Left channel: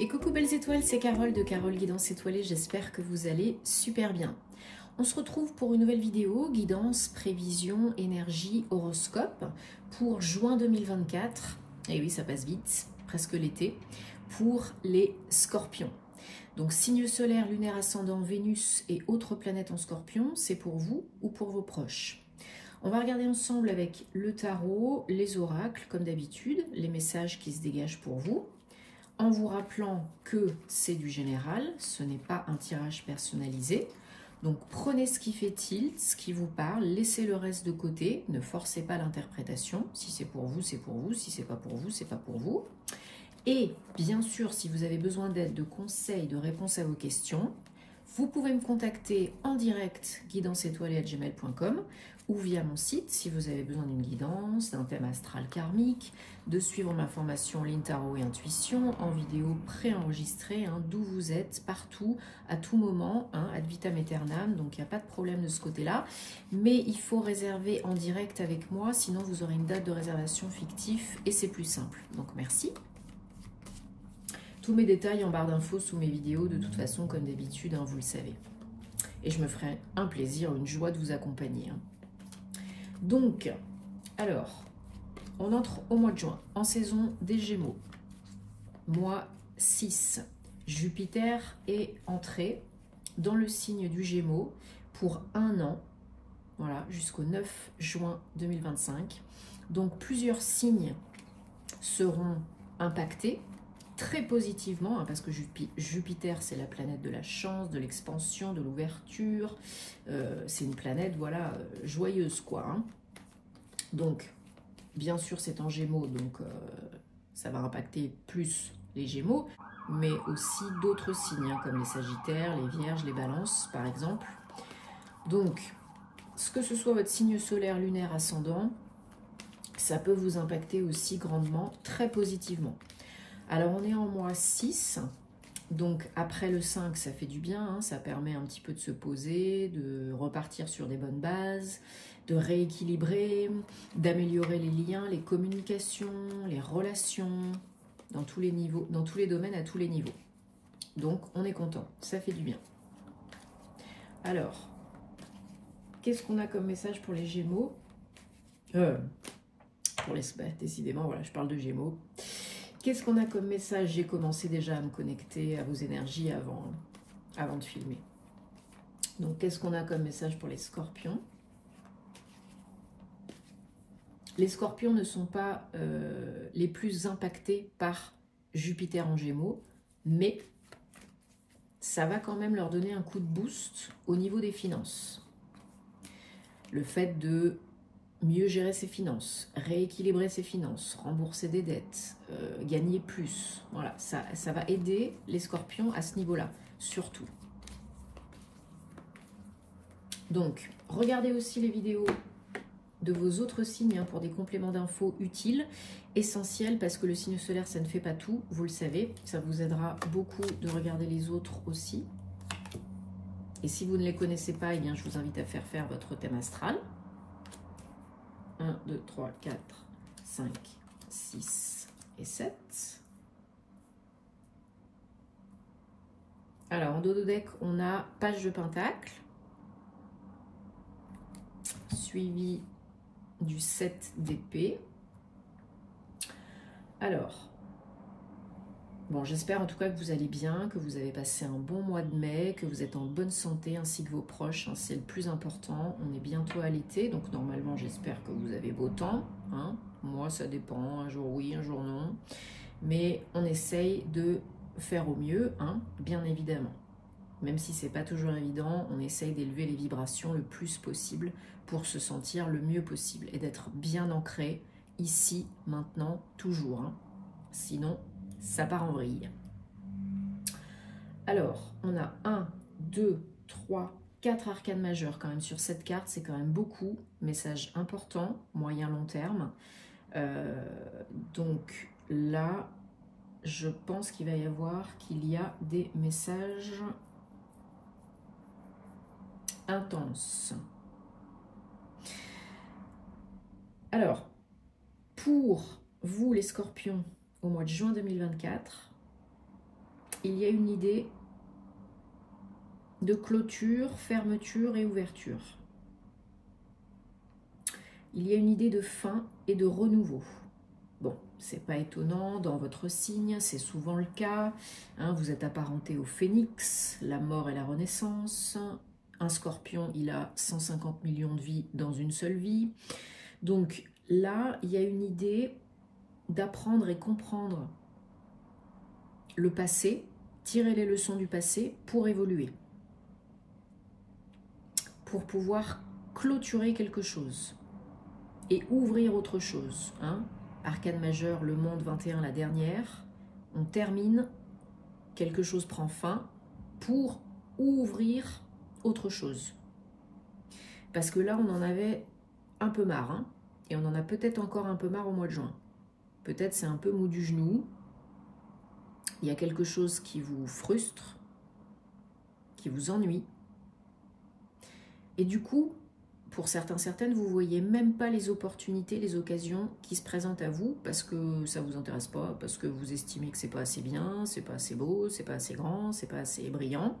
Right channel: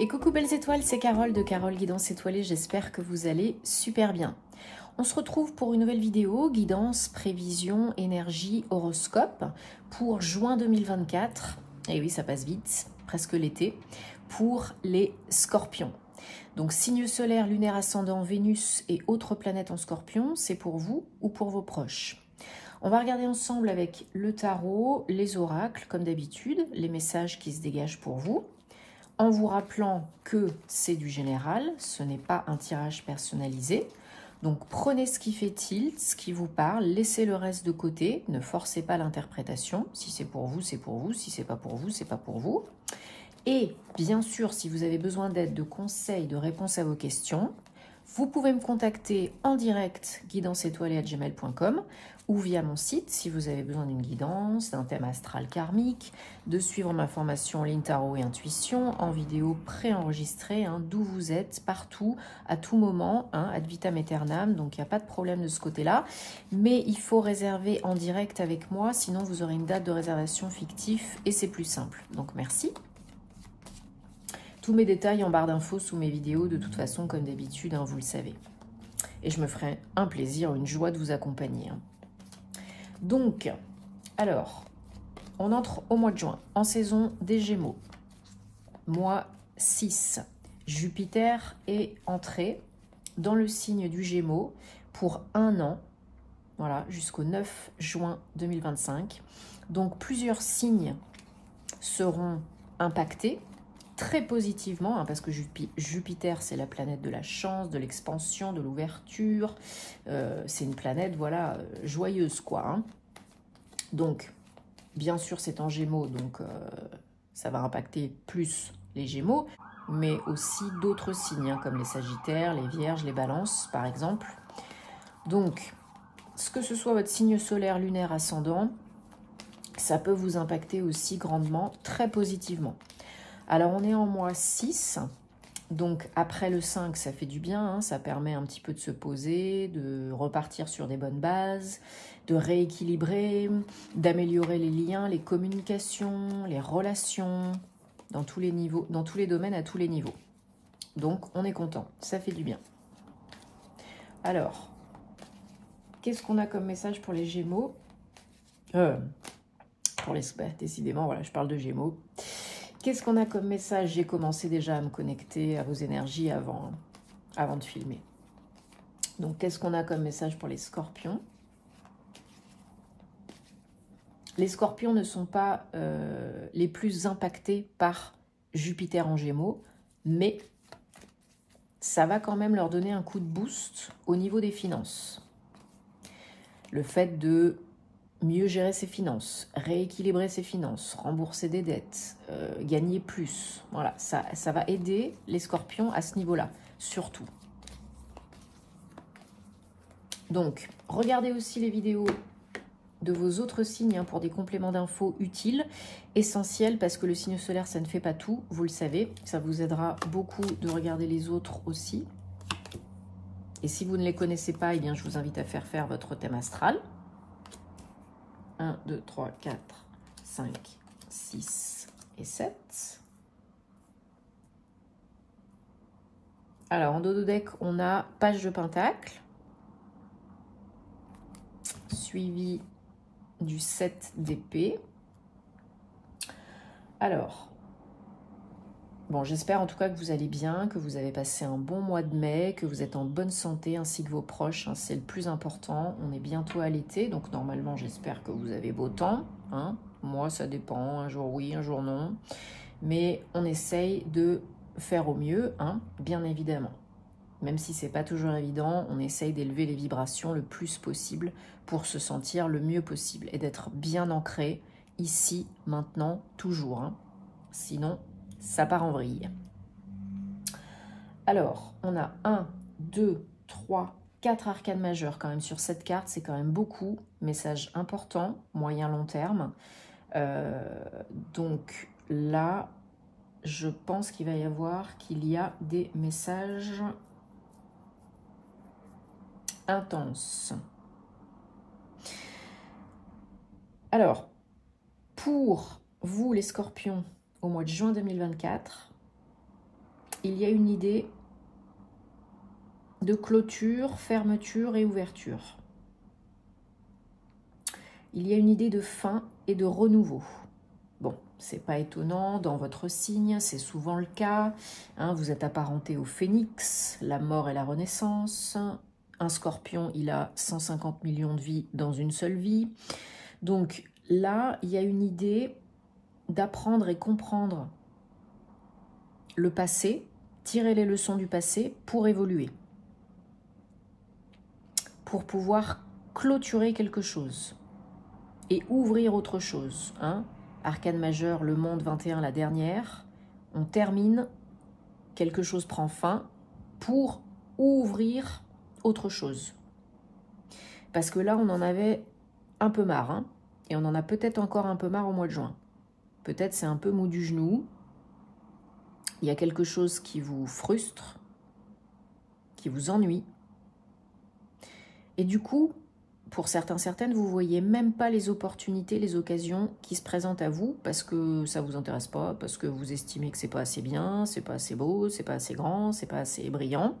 Et coucou belles étoiles, c'est Carole de Carole Guidance Étoilée, j'espère que vous allez super bien. On se retrouve pour une nouvelle vidéo, guidance, prévision, énergie, horoscope pour juin 2024. Et oui, ça passe vite, presque l'été, pour les scorpions. Donc signe solaire, lunaire, ascendant, Vénus et autres planètes en scorpion, c'est pour vous ou pour vos proches. On va regarder ensemble avec le tarot, les oracles, comme d'habitude, les messages qui se dégagent pour vous. En vous rappelant que c'est du général, ce n'est pas un tirage personnalisé. Donc prenez ce qui fait tilt, ce qui vous parle, laissez le reste de côté, ne forcez pas l'interprétation. Si c'est pour vous, c'est pour vous. Si c'est pas pour vous, c'est pas pour vous. Et bien sûr, si vous avez besoin d'aide, de conseils, de réponses à vos questions, vous pouvez me contacter en direct guidanceétoilée@gmail.com ou via mon site si vous avez besoin d'une guidance, d'un thème astral karmique, de suivre ma formation en ligne tarot et intuition en vidéo préenregistrée, d'où vous êtes, partout, à tout moment, ad vitam aeternam, donc il n'y a pas de problème de ce côté-là. Mais il faut réserver en direct avec moi, sinon vous aurez une date de réservation fictive et c'est plus simple. Donc merci. Tous mes détails en barre d'infos sous mes vidéos, de toute façon, comme d'habitude, vous le savez. Et je me ferai un plaisir, une joie de vous accompagner. Donc, alors, on entre au mois de juin, en saison des Gémeaux. Mois 6, Jupiter est entré dans le signe du Gémeaux pour 1 an, voilà, jusqu'au 9 juin 2025. Donc, plusieurs signes seront impactés très positivement, parce que Jupiter, c'est la planète de la chance, de l'expansion, de l'ouverture. C'est une planète, voilà, joyeuse, quoi. Donc, bien sûr, c'est en Gémeaux, donc ça va impacter plus les Gémeaux, mais aussi d'autres signes, comme les Sagittaires, les Vierges, les Balances, par exemple. Donc, que ce soit votre signe solaire, lunaire, ascendant, ça peut vous impacter aussi grandement, très positivement. Alors, on est en mois 6, donc après le 5, ça fait du bien, ça permet un petit peu de se poser, de repartir sur des bonnes bases, de rééquilibrer, d'améliorer les liens, les communications, les relations, dans tous les niveaux, dans tous les domaines, à tous les niveaux. Donc, on est content, ça fait du bien. Alors, qu'est-ce qu'on a comme message pour les Gémeaux? Décidément, voilà, je parle de Gémeaux. Qu'est-ce qu'on a comme message? J'ai commencé déjà à me connecter à vos énergies avant de filmer. Donc, qu'est-ce qu'on a comme message pour les Scorpions? Les Scorpions ne sont pas les plus impactés par Jupiter en Gémeaux, mais ça va quand même leur donner un coup de boost au niveau des finances. Le fait de mieux gérer ses finances, rééquilibrer ses finances, rembourser des dettes, gagner plus. Voilà, ça va aider les Scorpions à ce niveau-là, surtout. Donc, regardez aussi les vidéos de vos autres signes pour des compléments d'infos utiles, essentiels, parce que le signe solaire, ça ne fait pas tout, vous le savez. Ça vous aidera beaucoup de regarder les autres aussi. Et si vous ne les connaissez pas, eh bien, je vous invite à faire votre thème astral. 1, 2, 3, 4, 5, 6 et 7. Alors, en dos de deck, on a page de pentacle, suivi du 7 d'épée. Alors, bon, j'espère en tout cas que vous allez bien, que vous avez passé un bon mois de mai, que vous êtes en bonne santé, ainsi que vos proches, c'est le plus important. On est bientôt à l'été, donc normalement, j'espère que vous avez beau temps. Moi, ça dépend, un jour oui, un jour non. Mais on essaye de faire au mieux, bien évidemment. Même si c'est pas toujours évident, on essaye d'élever les vibrations le plus possible pour se sentir le mieux possible et d'être bien ancré ici, maintenant, toujours. Sinon, ça part en vrille. Alors, on a 1, 2, 3, 4 arcanes majeures quand même sur cette carte. C'est quand même beaucoup. Message important, moyen, long terme. Donc là, je pense qu'il va y avoir des messages intenses. Alors, pour vous les Scorpions, au mois de juin 2024, il y a une idée de clôture, fermeture et ouverture. Il y a une idée de fin et de renouveau. Bon, c'est pas étonnant, dans votre signe, c'est souvent le cas. Hein, vous êtes apparenté au phénix, la mort et la renaissance. Un scorpion, il a 150 millions de vies dans une seule vie. Donc là, il y a une idée d'apprendre et comprendre le passé, tirer les leçons du passé pour évoluer. Pour pouvoir clôturer quelque chose et ouvrir autre chose. Hein. Arcane majeur, le monde 21, la dernière. On termine, quelque chose prend fin pour ouvrir autre chose. Parce que là, on en avait un peu marre. Hein, et on en a peut-être encore un peu marre au mois de juin. Peut-être c'est un peu mou du genou. Il y a quelque chose qui vous frustre, qui vous ennuie. Et du coup, pour certains, certaines, vous ne voyez même pas les opportunités, les occasions qui se présentent à vous parce que ça ne vous intéresse pas, parce que vous estimez que ce n'est pas assez bien, ce n'est pas assez beau, ce n'est pas assez grand, ce n'est pas assez brillant.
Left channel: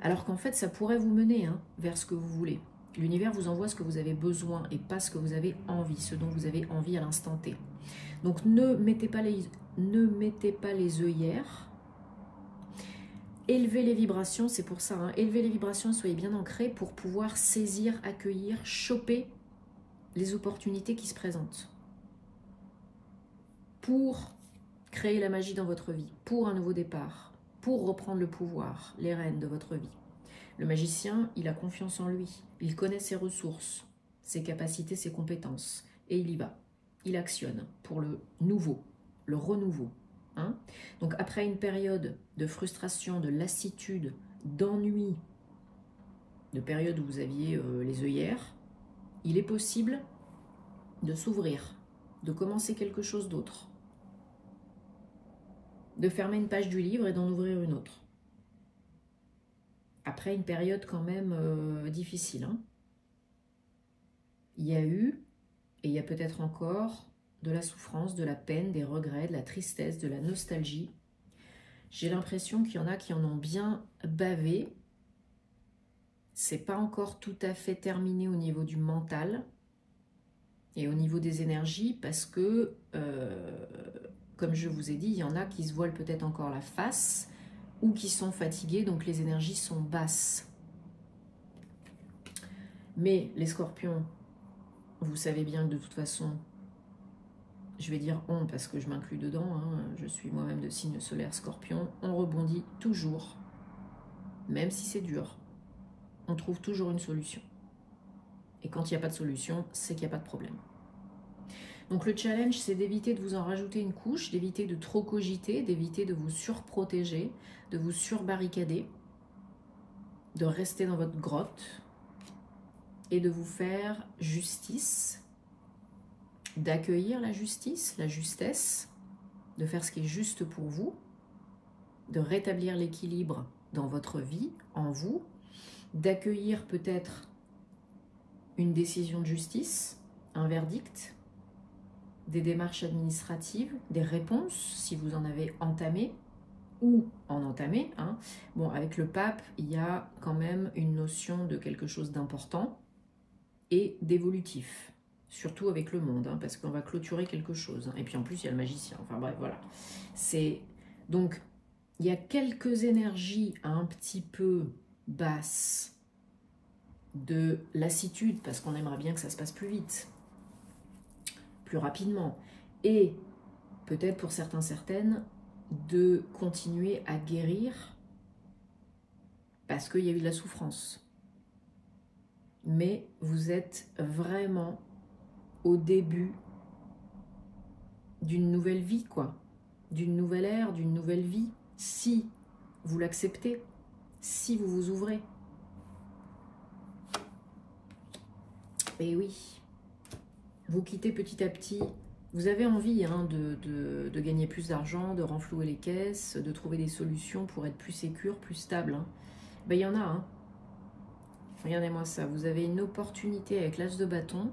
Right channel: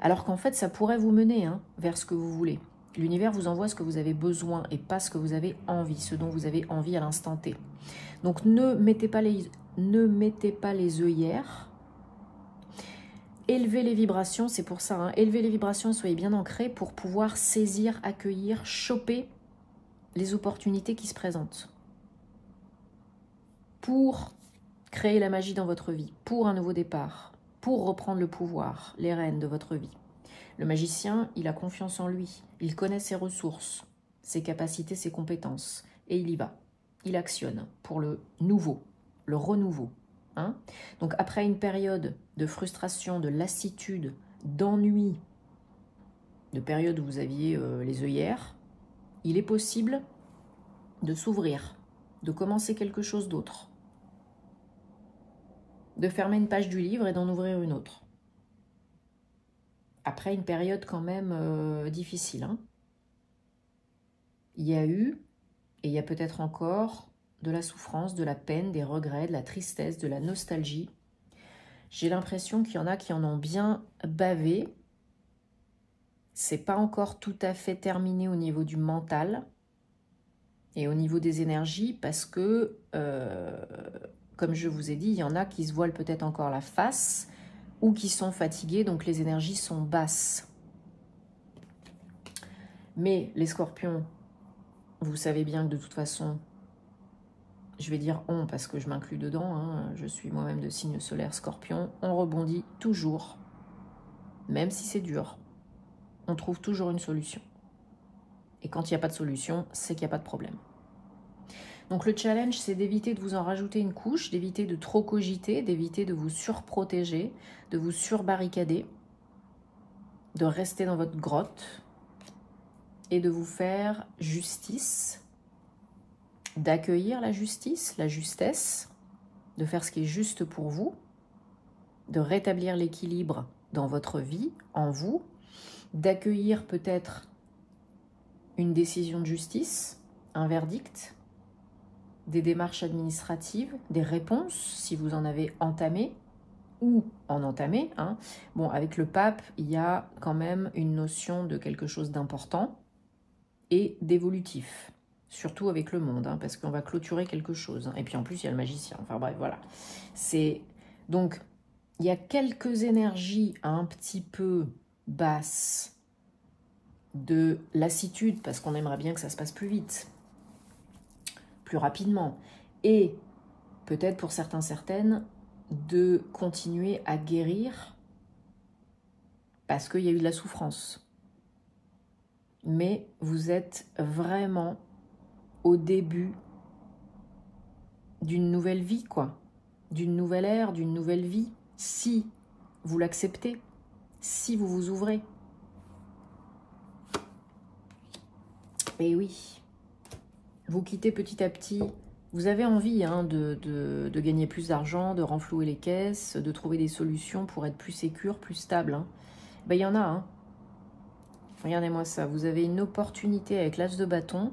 Alors qu'en fait, ça pourrait vous mener hein, vers ce que vous voulez. L'univers vous envoie ce que vous avez besoin et pas ce que vous avez envie, ce dont vous avez envie à l'instant T. Donc ne mettez pas les œillères. Élevez les vibrations, c'est pour ça. Hein, élevez les vibrations, soyez bien ancrés pour pouvoir saisir, accueillir, choper les opportunités qui se présentent. Pour créer la magie dans votre vie, pour un nouveau départ, pour reprendre le pouvoir, les rênes de votre vie. Le magicien, il a confiance en lui, il connaît ses ressources, ses capacités, ses compétences, et il y va. Il actionne pour le nouveau, le renouveau. Hein? Donc après une période de frustration, de lassitude, d'ennui, de période où vous aviez les œillères, il est possible de s'ouvrir, de commencer quelque chose d'autre, de fermer une page du livre et d'en ouvrir une autre. Après une période quand même difficile. Hein? Il y a eu, et il y a peut-être encore, de la souffrance, de la peine, des regrets, de la tristesse, de la nostalgie. J'ai l'impression qu'il y en a qui en ont bien bavé. C'est pas encore tout à fait terminé au niveau du mental et au niveau des énergies parce que, comme je vous ai dit, il y en a qui se voilent peut-être encore la face ou qui sont fatigués, donc les énergies sont basses. Mais les scorpions, vous savez bien que de toute façon, je vais dire on parce que je m'inclus dedans, hein, je suis moi-même de signe solaire scorpion, on rebondit toujours, même si c'est dur, on trouve toujours une solution. Et quand il n'y a pas de solution, c'est qu'il n'y a pas de problème. Donc le challenge, c'est d'éviter de vous en rajouter une couche, d'éviter de trop cogiter, d'éviter de vous surprotéger, de vous surbarricader, de rester dans votre grotte et de vous faire justice, d'accueillir la justice, la justesse, de faire ce qui est juste pour vous, de rétablir l'équilibre dans votre vie, en vous, d'accueillir peut-être une décision de justice, un verdict, des démarches administratives, des réponses, si vous en avez entamé ou en entamé. Hein. Bon, avec le pape, il y a quand même une notion de quelque chose d'important et d'évolutif. Surtout avec le monde, hein, parce qu'on va clôturer quelque chose. Hein. Et puis en plus, il y a le magicien. Enfin bref, voilà. Donc, il y a quelques énergies un petit peu basses de lassitude, parce qu'on aimerait bien que ça se passe plus vite, plus rapidement. Et peut-être pour certains, certaines, de continuer à guérir parce qu'il y a eu de la souffrance. Mais vous êtes vraiment au début d'une nouvelle vie, quoi. D'une nouvelle ère, d'une nouvelle vie, si vous l'acceptez, si vous vous ouvrez. Et oui, vous quittez petit à petit. Vous avez envie hein, de gagner plus d'argent, de renflouer les caisses, de trouver des solutions pour être plus sécure, plus stable. Hein. Ben, il y en a. Hein. Regardez-moi ça. Vous avez une opportunité avec l'as de bâton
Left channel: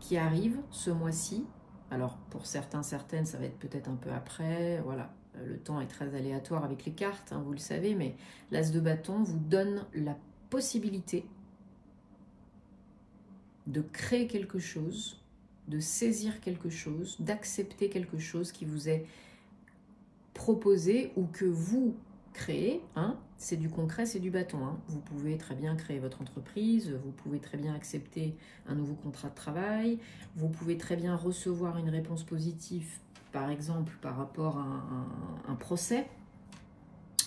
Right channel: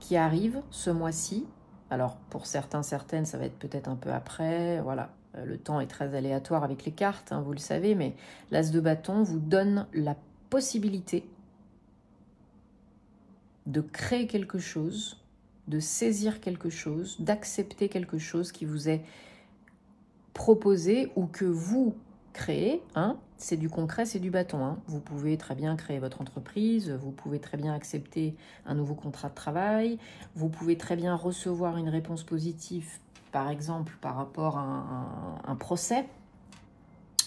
qui arrive ce mois-ci. Alors, pour certains, certaines, ça va être peut-être un peu après. Voilà. Le temps est très aléatoire avec les cartes, hein, vous le savez, mais l'As de bâton vous donne la possibilité de créer quelque chose, de saisir quelque chose, d'accepter quelque chose qui vous est proposé ou que vous créez. Hein, c'est du concret, c'est du bâton. Hein. Vous pouvez très bien créer votre entreprise, vous pouvez très bien accepter un nouveau contrat de travail, vous pouvez très bien recevoir une réponse positive, par exemple par rapport à un procès,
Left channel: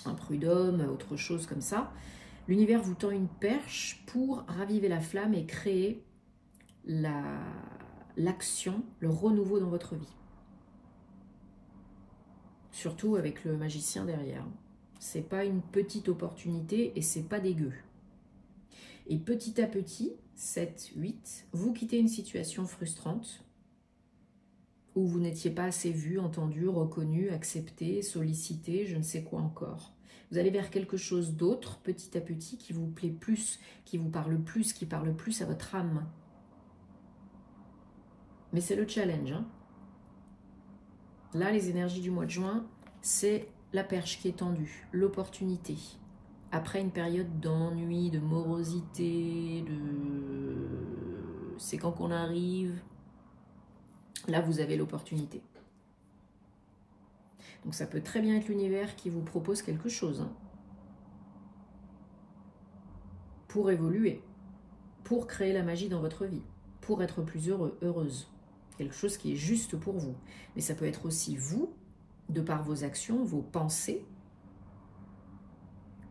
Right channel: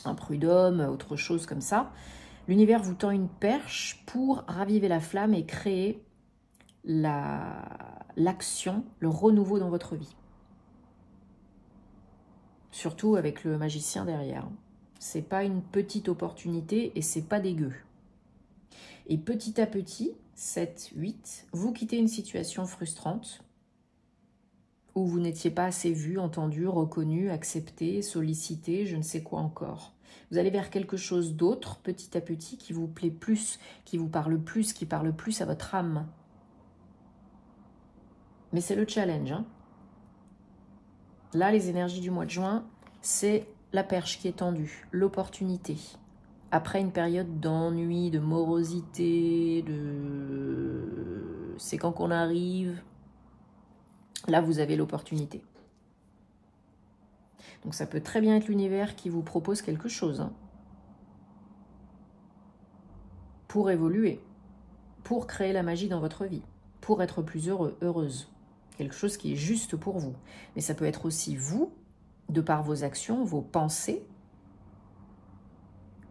un prud'homme, autre chose comme ça. L'univers vous tend une perche pour raviver la flamme et créer l'action, le renouveau dans votre vie. Surtout avec le magicien derrière. C'est pas une petite opportunité et c'est pas dégueu. Et petit à petit, 7, 8, vous quittez une situation frustrante où vous n'étiez pas assez vu, entendu, reconnu, accepté, sollicité, je ne sais quoi encore. Vous allez vers quelque chose d'autre, petit à petit, qui vous plaît plus, qui vous parle plus, qui parle plus à votre âme. Mais c'est le challenge. Hein. Là, les énergies du mois de juin, c'est la perche qui est tendue, l'opportunité. Après une période d'ennui, de morosité, c'est quand qu'on arrive. Là, vous avez l'opportunité. Donc, ça peut très bien être l'univers qui vous propose quelque chose. Hein, pour évoluer, pour créer la magie dans votre vie, pour être plus heureux, heureuse. Quelque chose qui est juste pour vous. Mais ça peut être aussi vous, de par vos actions, vos pensées,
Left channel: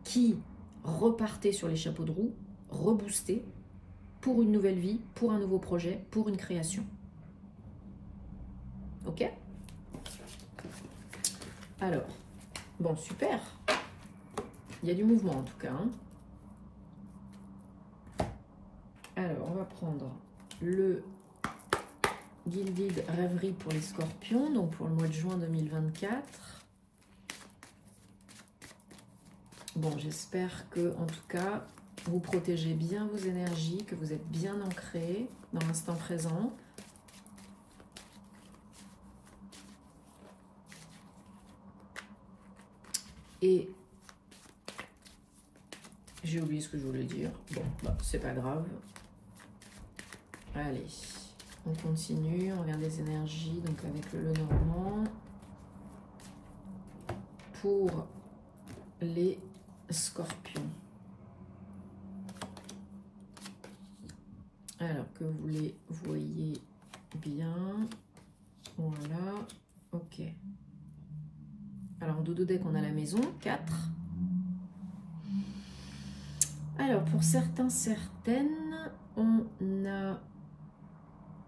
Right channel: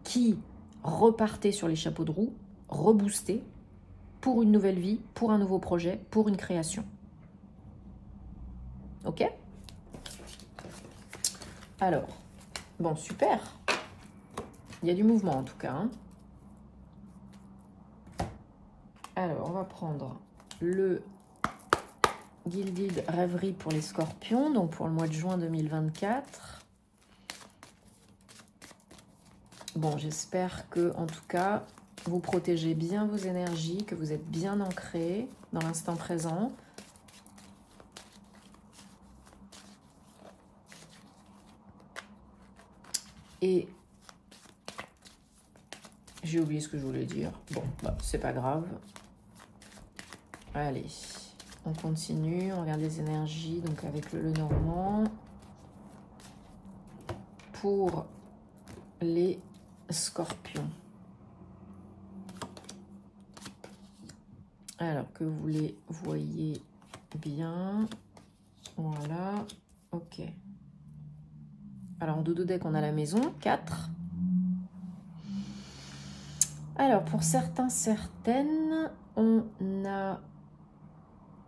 qui repartez sur les chapeaux de roue, reboostés, pour une nouvelle vie, pour un nouveau projet, pour une création. Ok? Alors, bon, super. Il y a du mouvement en tout cas. Hein. Alors, on va prendre le Gilded Rêverie pour les scorpions, donc pour le mois de juin 2024. Bon, j'espère que, en tout cas, vous protégez bien vos énergies, que vous êtes bien ancrés dans l'instant présent. Et j'ai oublié ce que je voulais dire. Bon, bah, c'est pas grave. Allez, on continue. On regarde les énergies, donc avec le Lenormand. Pour les scorpions. Alors que vous les voyez bien. Voilà. Ok. Alors, en dodo deck, on a la maison. 4. Alors, pour certains, certaines, on a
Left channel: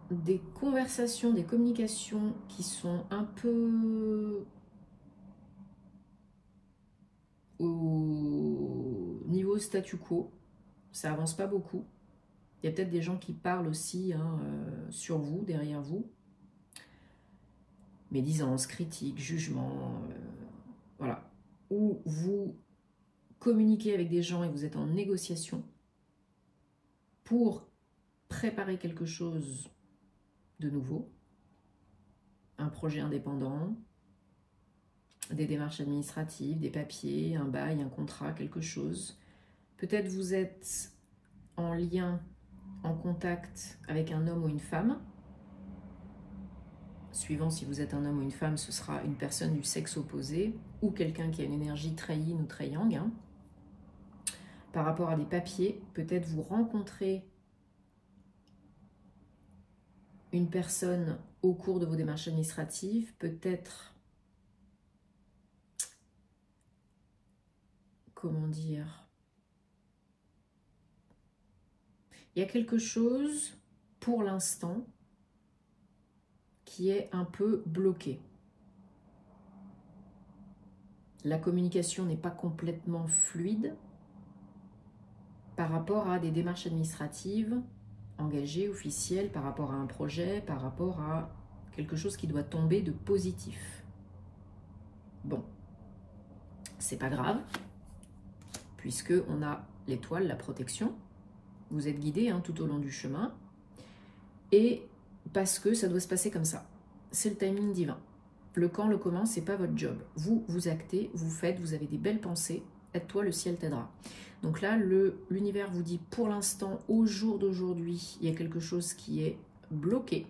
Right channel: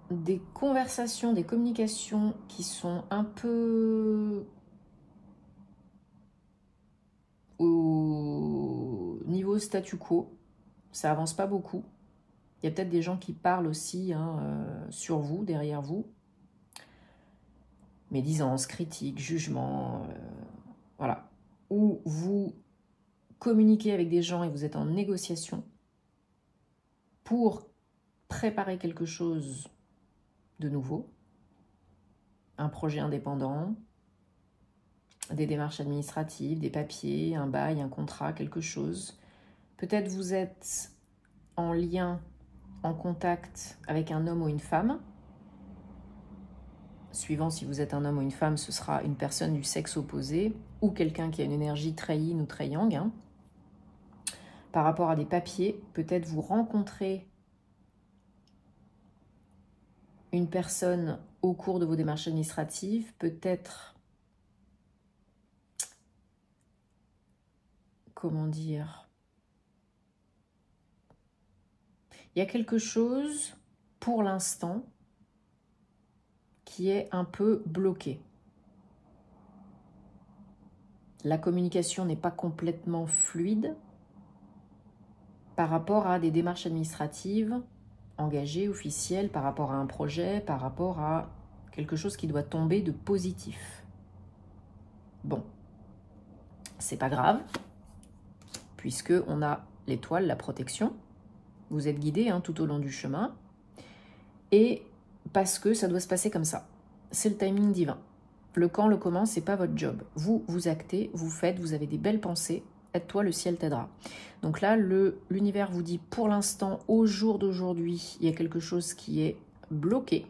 des conversations, des communications qui sont un peu au niveau statu quo. Ça avance pas beaucoup. Il y a peut-être des gens qui parlent aussi hein, sur vous, derrière vous. Médisance, critique, jugement, voilà. Ou vous communiquez avec des gens et vous êtes en négociation pour préparer quelque chose de nouveau, un projet indépendant, des démarches administratives, des papiers, un bail, un contrat, quelque chose. Peut-être vous êtes en lien, en contact avec un homme ou une femme. Suivant si vous êtes un homme ou une femme, ce sera une personne du sexe opposé ou quelqu'un qui a une énergie très yin ou très yang. Hein. Par rapport à des papiers, peut-être vous rencontrez une personne au cours de vos démarches administratives, peut-être, comment dire, il y a quelque chose pour l'instant qui est un peu bloqué. La communication n'est pas complètement fluide par rapport à des démarches administratives engagées, officielles, par rapport à un projet, par rapport à quelque chose qui doit tomber de positif. Bon, c'est pas grave, puisque on a l'étoile, la protection. Vous êtes guidé hein, tout au long du chemin. Et parce que ça doit se passer comme ça. C'est le timing divin. Le quand, le comment, c'est pas votre job. Vous, vous actez, vous faites, vous avez des belles pensées. Aide-toi, le ciel t'aidera. Donc là, l'univers vous dit, pour l'instant, au jour d'aujourd'hui, il y a quelque chose qui est bloqué.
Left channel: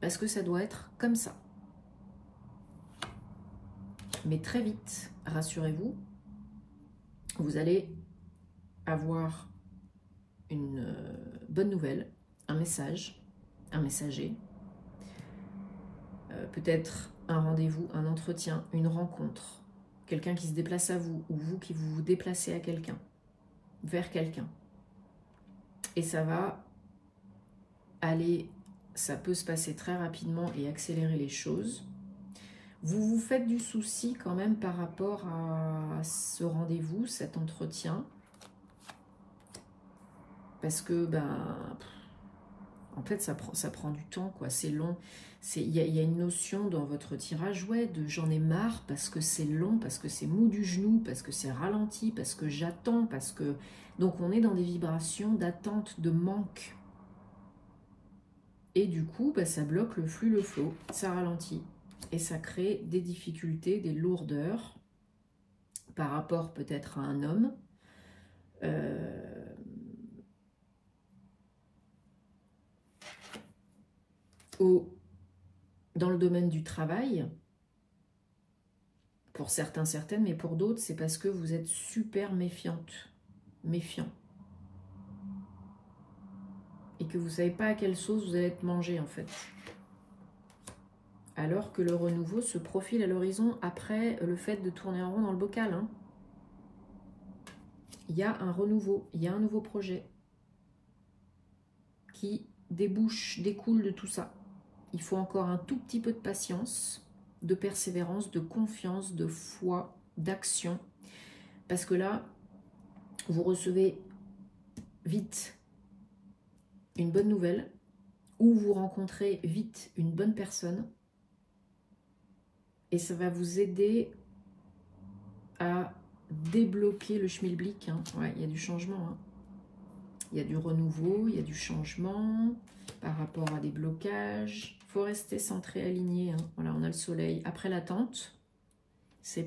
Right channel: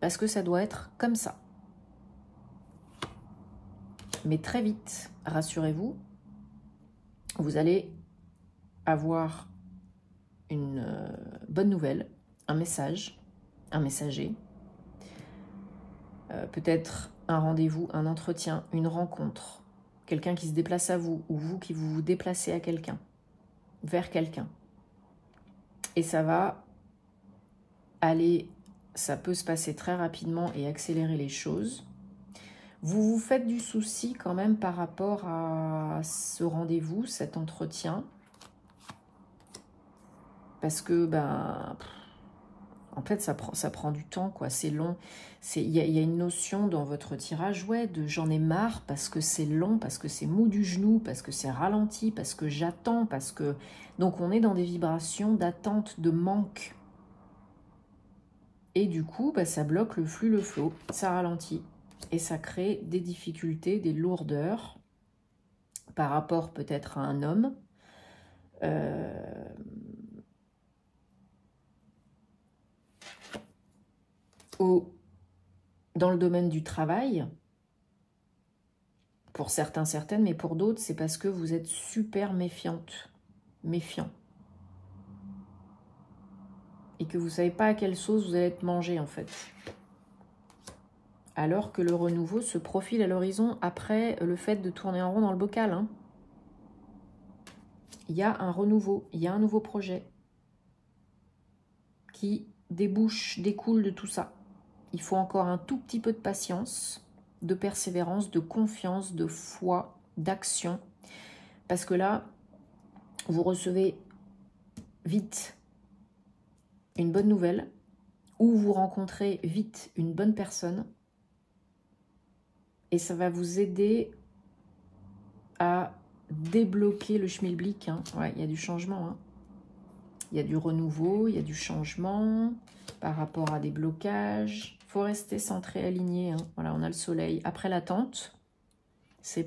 Parce que ça doit être comme ça. Mais très vite, rassurez-vous, vous allez avoir une bonne nouvelle, un message, un messager, peut-être un rendez-vous, un entretien, une rencontre, quelqu'un qui se déplace à vous ou vous qui vous déplacez à quelqu'un, vers quelqu'un. Et ça va aller, ça peut se passer très rapidement et accélérer les choses. Vous vous faites du souci quand même par rapport à ce rendez-vous, cet entretien. Parce que, en fait, ça prend du temps, quoi. C'est long. Il y a une notion dans votre tirage, ouais, de j'en ai marre parce que c'est long, parce que c'est mou du genou, parce que c'est ralenti, parce que j'attends, parce que... Donc, on est dans des vibrations d'attente, de manque. Et du coup, ça bloque le flux, le flow. Ça ralentit. Et ça crée des difficultés, des lourdeurs par rapport peut-être à un homme. Dans le domaine du travail, pour certains, certaines, mais pour d'autres, c'est parce que vous êtes super méfiante, méfiant. Et que vous ne savez pas à quelle sauce vous allez être mangé, en fait. Alors que le renouveau se profile à l'horizon après le fait de tourner en rond dans le bocal. Hein. Il y a un renouveau, il y a un nouveau projet qui découle de tout ça. Il faut encore un tout petit peu de patience, de persévérance, de confiance, de foi, d'action. Parce que là, vous recevez vite une bonne nouvelle ou vous rencontrez vite une bonne personne et ça va vous aider à débloquer le schmilblick. Hein. Ouais, il y a du changement. Hein. Il y a du renouveau, il y a du changement par rapport à des blocages. Il faut rester centré, aligné. Hein. Voilà, on a le soleil. Après l'attente,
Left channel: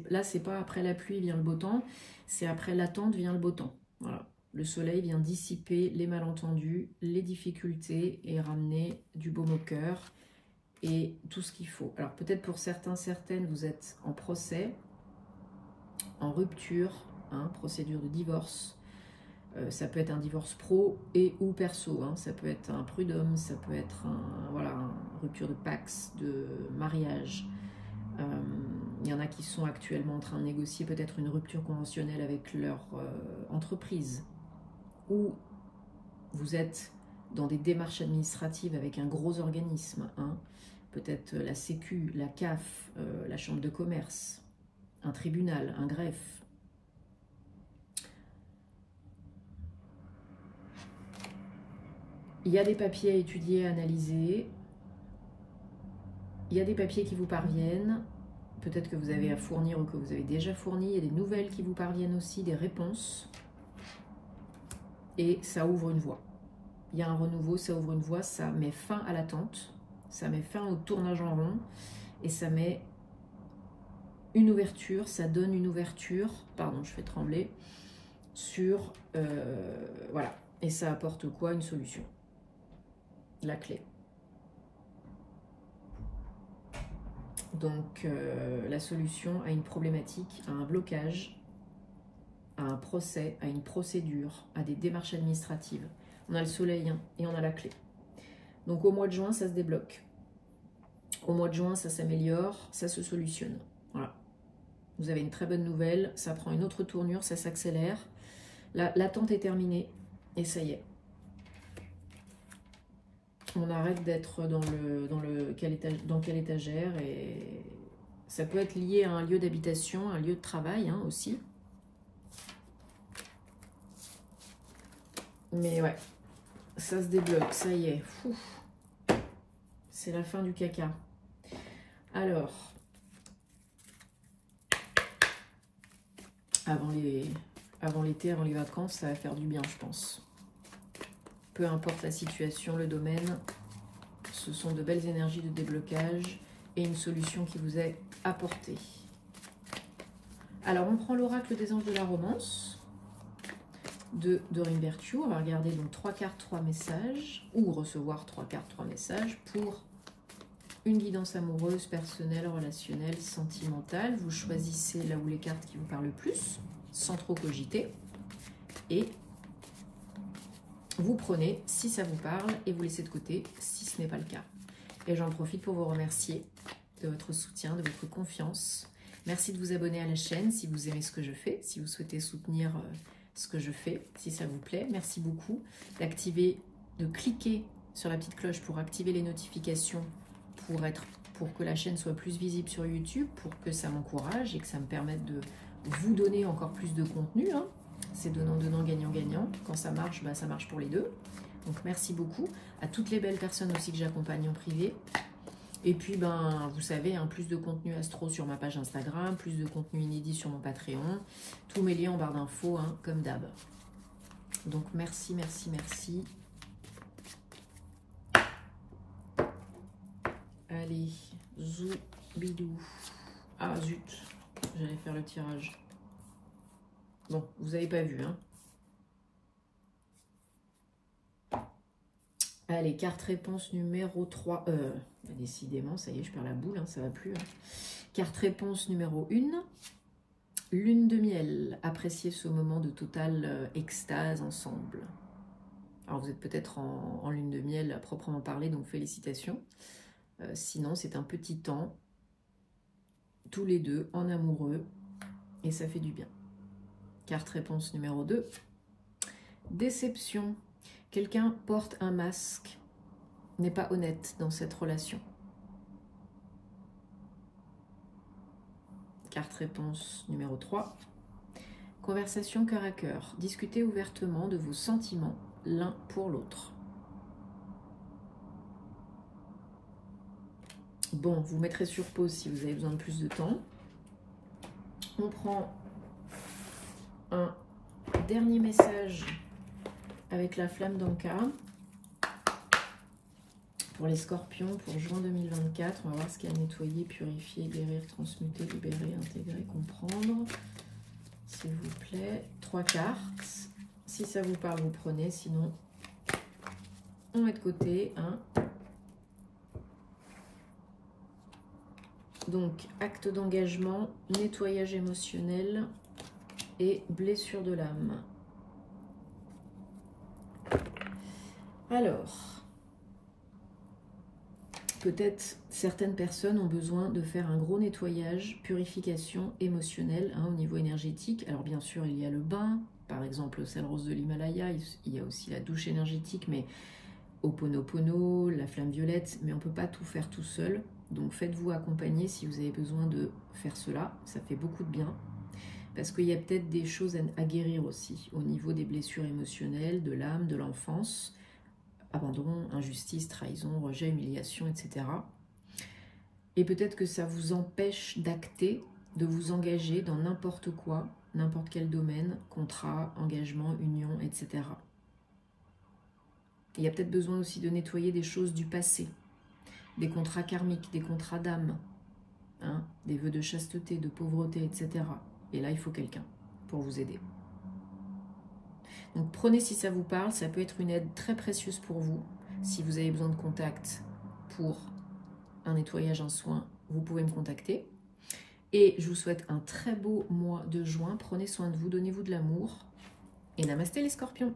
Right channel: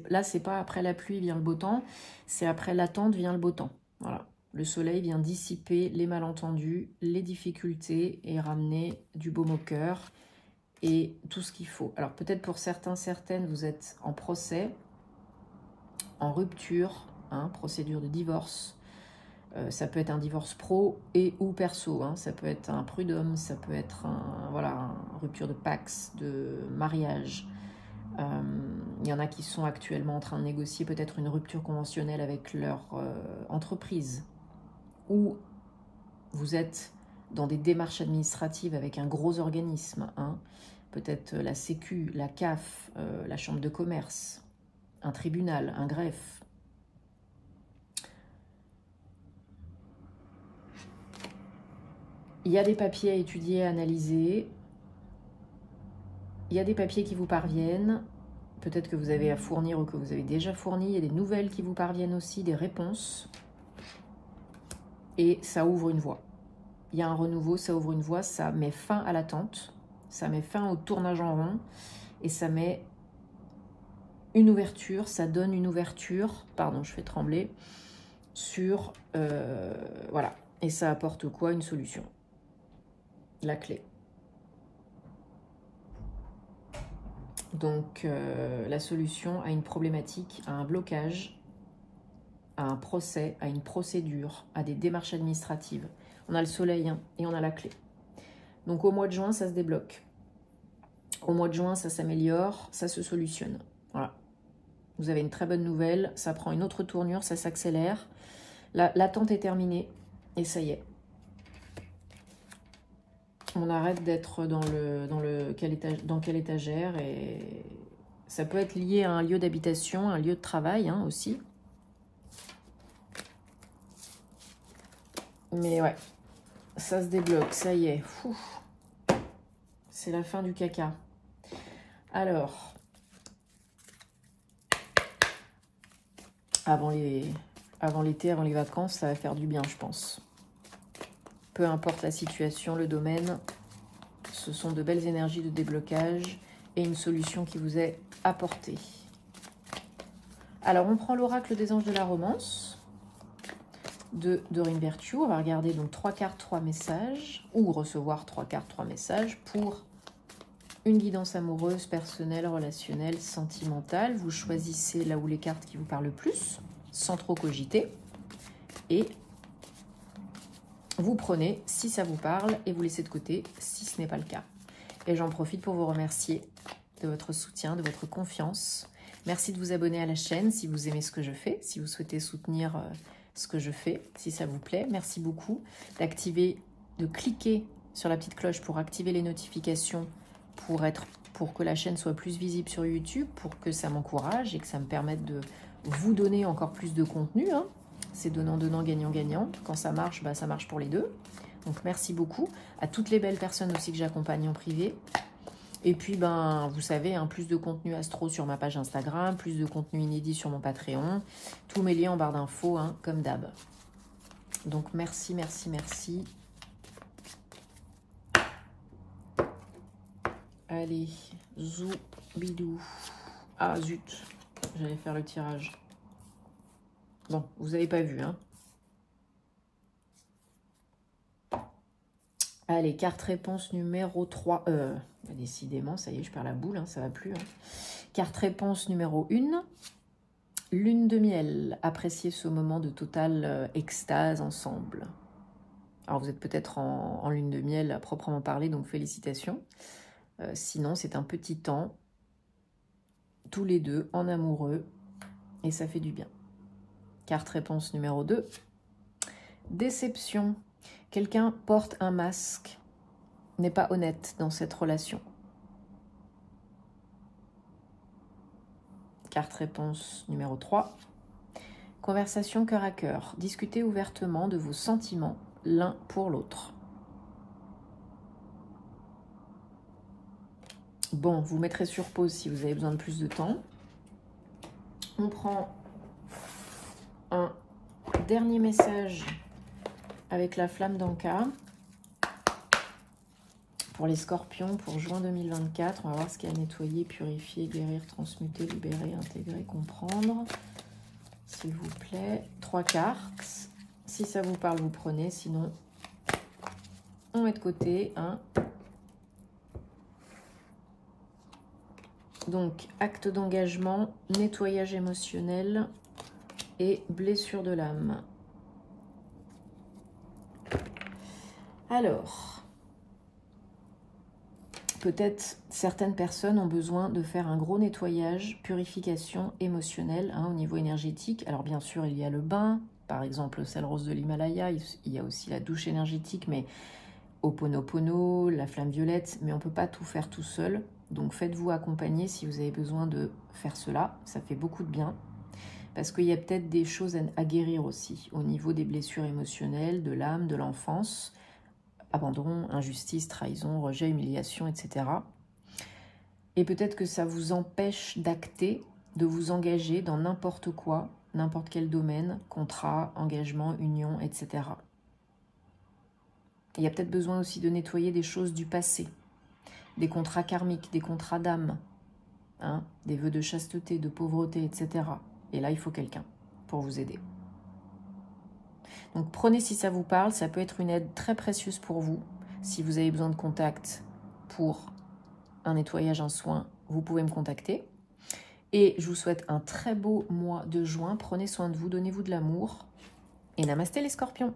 là, c'est pas après la pluie vient le beau temps, c'est après l'attente vient le beau temps. Voilà. Le soleil vient dissiper les malentendus, les difficultés et ramener du baume au cœur et tout ce qu'il faut. Alors peut-être pour certains, certaines, vous êtes en procès, en rupture, hein, procédure de divorce. Ça peut être un divorce pro et ou perso. Hein. Ça peut être un prud'homme, ça peut être une rupture de pax, de mariage. Il y en a qui sont actuellement en train de négocier peut-être une rupture conventionnelle avec leur entreprise. Ou vous êtes dans des démarches administratives avec un gros organisme. Hein. Peut-être la Sécu, la CAF, la Chambre de commerce, un tribunal, un greffe. Il y a des papiers à étudier, à analyser. Il y a des papiers qui vous parviennent. Peut-être que vous avez à fournir ou que vous avez déjà fourni. Il y a des nouvelles qui vous parviennent aussi, des réponses. Et ça ouvre une voie. Il y a un renouveau, ça ouvre une voie, ça met fin à l'attente. Ça met fin au tournage en rond. Et ça met une ouverture, ça donne une ouverture. Pardon, je fais trembler. Sur... voilà. Et ça apporte quoi? Une solution. La clé. Donc, la solution à une problématique, à un blocage, à un procès, à une procédure, à des démarches administratives. On a le soleil hein, et on a la clé. Donc, au mois de juin, ça se débloque. Au mois de juin, ça s'améliore, ça se solutionne. Voilà. Vous avez une très bonne nouvelle, ça prend une autre tournure, ça s'accélère. L'attente est terminée et ça y est. On arrête d'être dans quelle étagère et ça peut être lié à un lieu d'habitation, un lieu de travail hein, aussi. Mais ouais, ça se débloque, ça y est. C'est la fin du caca. Alors, avant l'été, avant les vacances, ça va faire du bien, je pense. Peu importe la situation, le domaine, ce sont de belles énergies de déblocage et une solution qui vous est apportée. Alors, on prend l'oracle des anges de la romance de Doreen Virtue. On va regarder donc 3 cartes, 3 messages, ou recevoir 3 cartes, 3 messages pour une guidance amoureuse, personnelle, relationnelle, sentimentale. Vous choisissez là où les cartes qui vous parlent le plus, sans trop cogiter. Et vous prenez si ça vous parle et vous laissez de côté si ce n'est pas le cas. Et j'en profite pour vous remercier de votre soutien, de votre confiance. Merci de vous abonner à la chaîne si vous aimez ce que je fais, si vous souhaitez soutenir ce que je fais, si ça vous plaît. Merci beaucoup de cliquer sur la petite cloche pour activer les notifications pour que la chaîne soit plus visible sur YouTube, pour que ça m'encourage et que ça me permette de vous donner encore plus de contenu. Hein. C'est donnant-donnant, gagnant-gagnant. Quand ça marche, bah, ça marche pour les deux. Donc merci beaucoup à toutes les belles personnes aussi que j'accompagne en privé. Et puis, ben, vous savez, hein, plus de contenu astro sur ma page Instagram, plus de contenu inédit sur mon Patreon. Tous mes liens en barre d'infos, hein, comme d'hab. Donc merci, merci, merci. Allez, zou, bidou. Ah, zut, j'allais faire le tirage. Bon, vous n'avez pas vu, hein. Allez, carte réponse numéro 3. Décidément, ça y est, je perds la boule, hein, ça va plus. Hein. Carte réponse numéro 1. Lune de miel. Appréciez ce moment de totale extase ensemble. Alors, vous êtes peut-être en lune de miel à proprement parler, donc félicitations. Sinon, c'est un petit temps, tous les deux, en amoureux, et ça fait du bien. Carte réponse numéro 2. Déception. Quelqu'un porte un masque, n'est pas honnête dans cette relation. Carte réponse numéro 3. Conversation cœur à cœur. Discutez ouvertement de vos sentiments l'un pour l'autre. Bon, vous mettrez sur pause si vous avez besoin de plus de temps. On prend un dernier message avec la flamme d'Anka pour les scorpions pour juin 2024. On va voir ce qu'il y a à nettoyer, purifier, guérir, transmuter, libérer, intégrer, comprendre. S'il vous plaît. 3 cartes. Si ça vous parle, vous prenez. Sinon, on met de côté. Hein. Donc, acte d'engagement, nettoyage émotionnel et blessure de l'âme. Alors, peut-être certaines personnes ont besoin de faire un gros nettoyage, purification émotionnelle hein, au niveau énergétique. Alors bien sûr, il y a le bain, par exemple le sel rose de l'Himalaya, il y a aussi la douche énergétique, mais Ho'oponopono, la flamme violette, mais on ne peut pas tout faire tout seul. Donc faites-vous accompagner si vous avez besoin de faire cela, ça fait beaucoup de bien. Parce qu'il y a peut-être des choses à guérir aussi, au niveau des blessures émotionnelles, de l'âme, de l'enfance, abandon, injustice, trahison, rejet, humiliation, etc. Et peut-être que ça vous empêche d'acter, de vous engager dans n'importe quoi, n'importe quel domaine, contrat, engagement, union, etc. Il y a peut-être besoin aussi de nettoyer des choses du passé, des contrats karmiques, des contrats d'âme, hein, des vœux de chasteté, de pauvreté, etc. Et là, il faut quelqu'un pour vous aider. Donc, prenez si ça vous parle. Ça peut être une aide très précieuse pour vous. Si vous avez besoin de contact pour un nettoyage, un soin, vous pouvez me contacter. Et je vous souhaite un très beau mois de juin. Prenez soin de vous, donnez-vous de l'amour. Et namasté les scorpions!